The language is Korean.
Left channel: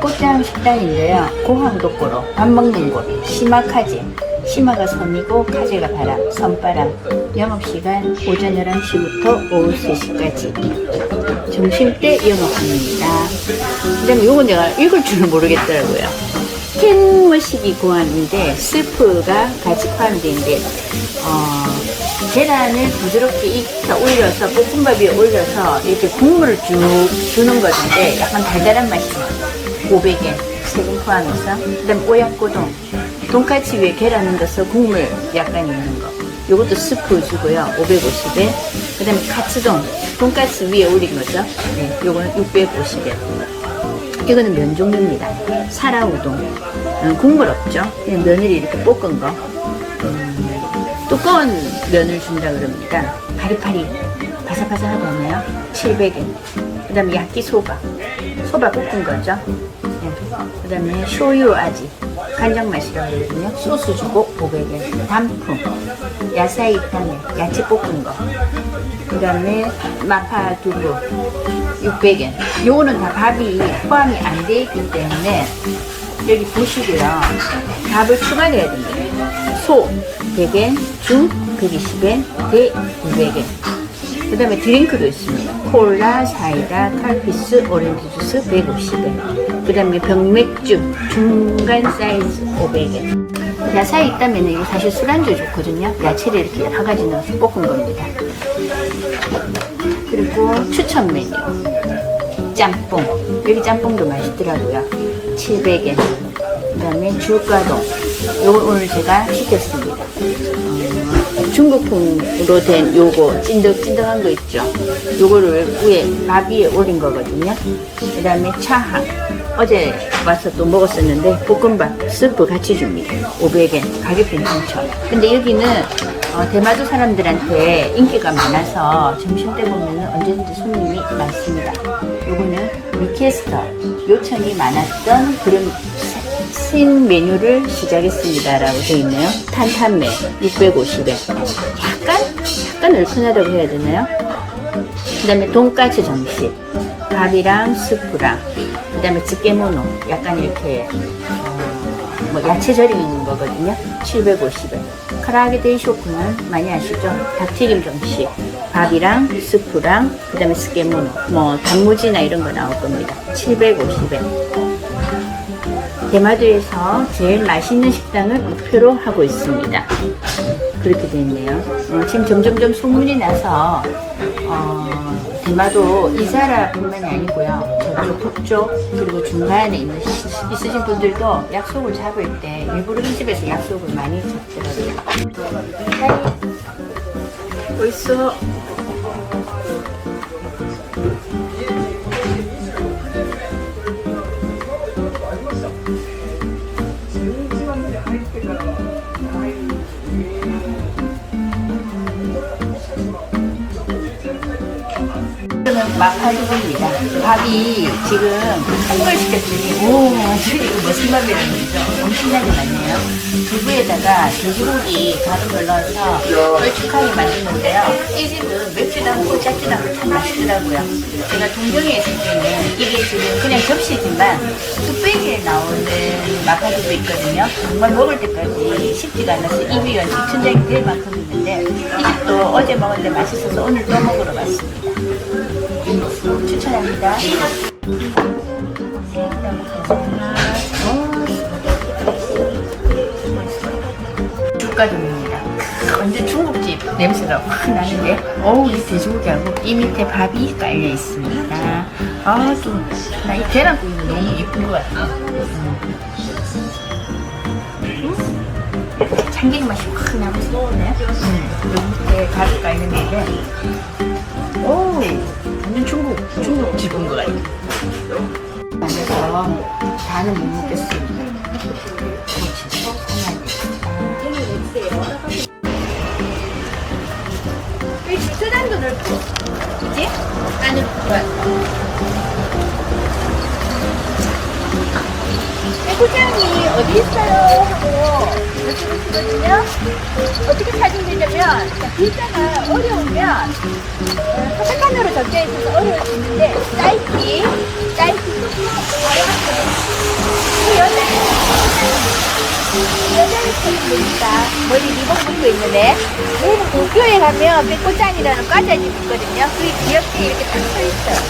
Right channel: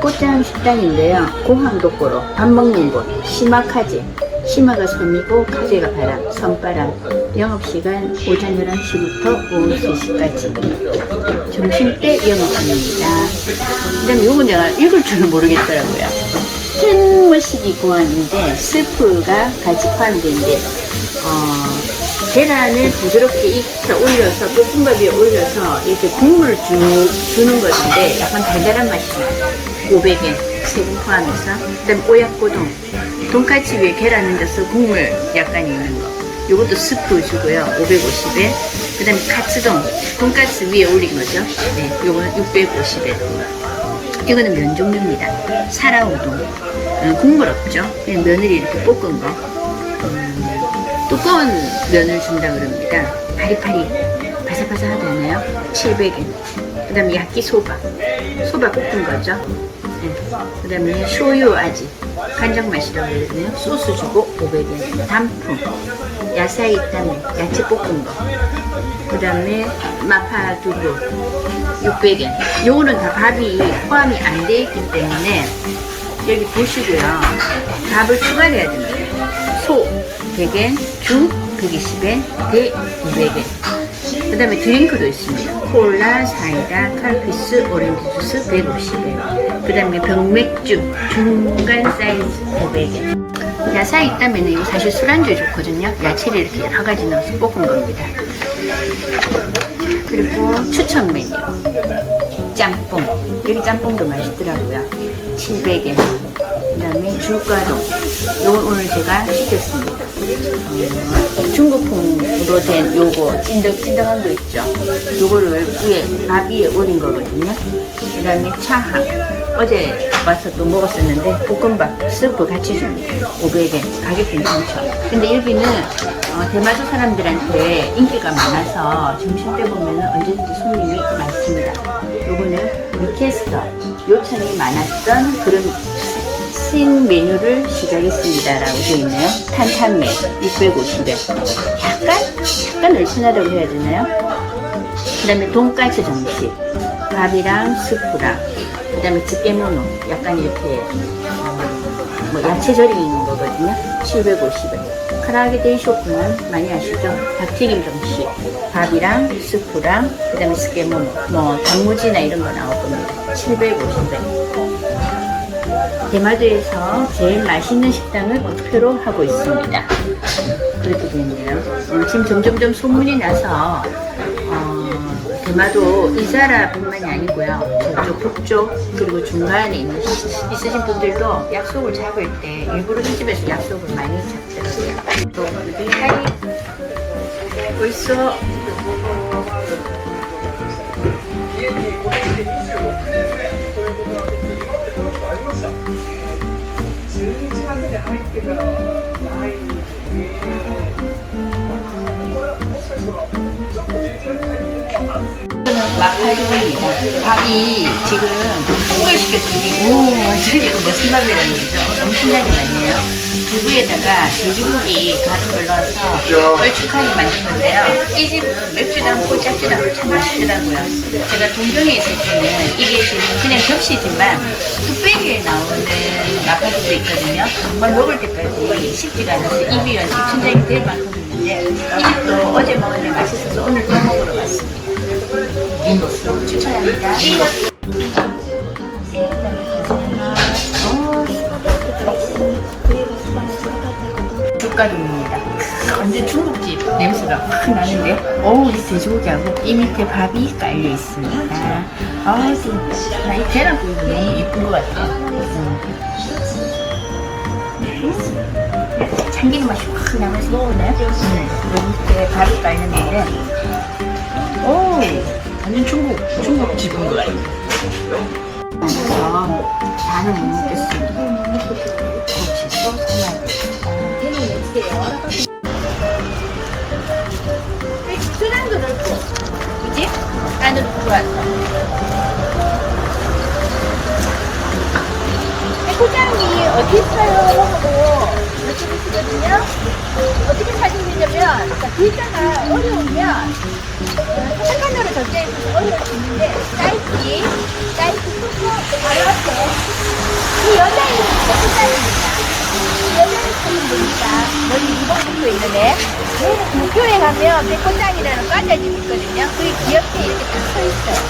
꽃향 식당이에요. 공항도꼬로 밥 먹는 곳, 시마 카지. 시마가 섬이고 카지가 바람, 섬바람. 영업시간 오전 11시부터 오후 3시까지. 점심때 영업합니다. 그다음 요건 내가 읽을 줄은 모르겠더라고요. 해물식이 고하는데 스프가 가지 포함인데 어, 계란을 부드럽게 익혀 올려서 볶음밥 위에 올려서 이렇게 국물을 주, 주는 것인데 약간 달달한 맛이 나요. 500엔 세금 포함해서. 그다음 오약고동. 돈까치 위에 계란 넣어서 국물 약간 있는 거. 요것도 스프 주고요. 550엔 그다음 카츠동. 돈까스 위에 올린 거죠. 네, 요거는 650엔 이거는 면 종류입니다. 사라우동. 음, 국물 없죠? 그냥 면을 이렇게 볶은 거. 음, 두꺼운 면을 준다 그럽니다 파리파리 바삭바삭하잖아요. 700엔. 그 다음에 야끼소바. 소바 볶은 거죠. 네. 그 다음에 쇼유 아지. 간장 맛이라고 그러거든요. 소스 주고 500엔. 단품 야사이 있다네 야채 볶은 거그 다음에 마파 두부 600엔. 요거는 다 밥이 포함이 안 돼 있기 때문에 여기 보시고요. 밥을 추가해야 됩니다 소 100엔 죽 120엔 배 200엔 그 다음에 드링크도 있습니다. 콜라, 사이다, 칼피스, 오렌지 주스 150원. 그 다음에 병맥주 중간 사이즈 500원. 야사이 있다면 이거 사실 술안주에 좋거든요. 야채를 이렇게 여러 가지 넣어서 볶은 겁니다. 그리고 추천 메뉴. 짬뽕. 여기 짬뽕도 맛있더라고요. 700엔. 그 다음에 줄과동. 요거 오늘 제가 시켰습니다. 음, 중국풍으로 된 요거 찐득찐득한 거 있죠. 요거를 위에 밥 위에 올린 거거든요. 그 다음에 차하. 어제 와서 또 먹었었는데 볶음밥 스프 같이 줍니다. 500엔. 가격 괜찮죠. 근데 여기는 어, 대마도 사람들한테 인기가 많아서 점심때 보면 언제든지 손님이 많습니다. 요거는 리퀘스터 요청이 많았던 그런 신 메뉴를 시작했습니다라고 되어 있네요. 탄탄면 650엔. 약간 약간 얼큰하다고 해야 되나요? 그다음에 돈까스 정식, 밥이랑 스프랑, 그다음에 집게모노 약간 이렇게 어, 뭐 야채 절임 있는 거거든요. 750원. 카라게 데이 쇼핑은 많이 아시죠? 닭튀김 정식, 밥이랑 스프랑 그다음에 스게모노, 뭐 단무지나 이런 거 나올 겁니다. 750원. 대마도에서 제일 맛있는 식당을 목표로 하고 있습니다. 그렇게 있네요. 음, 지금 점점점 소문이 나서 어, 대마도 이사라뿐만이 아니고요. 저쪽 북쪽 그리고 중간에 있는, 있으신 분들도 약속을 잡을 때 일부러 이 집에서 약속을 많이 잡더라고요. 또 하이 벌써 마파두부입니다. 밥이 지금 큰걸 시켰더니 오 완전 이거 무슨 밥이라는 거죠? 엄청나게 많네요. 두부에다가 돼지고기 가른 걸 넣어서 걸쭉하게 만든 건데요. 이 집은 맵지도 않고 짭지도 않고 참 맛있더라고요. 제가 동경에 있을 때는 이게 지금 그냥 접시지만 뚝배기에 나오는 마파두부 있거든요. 정말 먹을 때까지 식지가 않아서 입이 연식 천장이 될 만큼 있는데 이 집도 어제 먹었는데 맛있어서 오늘 또 먹으러 왔습니다. 추천합니다. 죽가동입니다. 완전 중국집 냄새가 확 나는데, 어우, 이 돼지고기하고 이 밑에 밥이 깔려 있습니다. 아, 또, 나 이 계란국이 너무 이쁜 것 같아요. 음. 음. 참기름 맛이 확 나면서 예쁘네. 음. 여기 밑에 밥이 깔렸는데, 오, 완전 중국, 중국 집인 것 같아요. 많아서 다는 못 먹겠습니다. 고치도 사야 되겠다. 이 주차장도 넓고, 그지? 안으로 들어왔어. 이 포장이 어디 있어요? 하고 여쭤보시거든요. 어떻게 찾 보면 자, 글자가 어려우면 색깔로 적혀 있는 어려울 수 있는데 짧기, 짧기 조금 알아봤어요. 이 여자의 책임입니다. 여자의 책임입니다. 머리 리본 쓰고 있는데 저희 도쿄에 가면 백도장이라는 과자집 있거든요. 그 옆에 이렇게 딱서 있어요.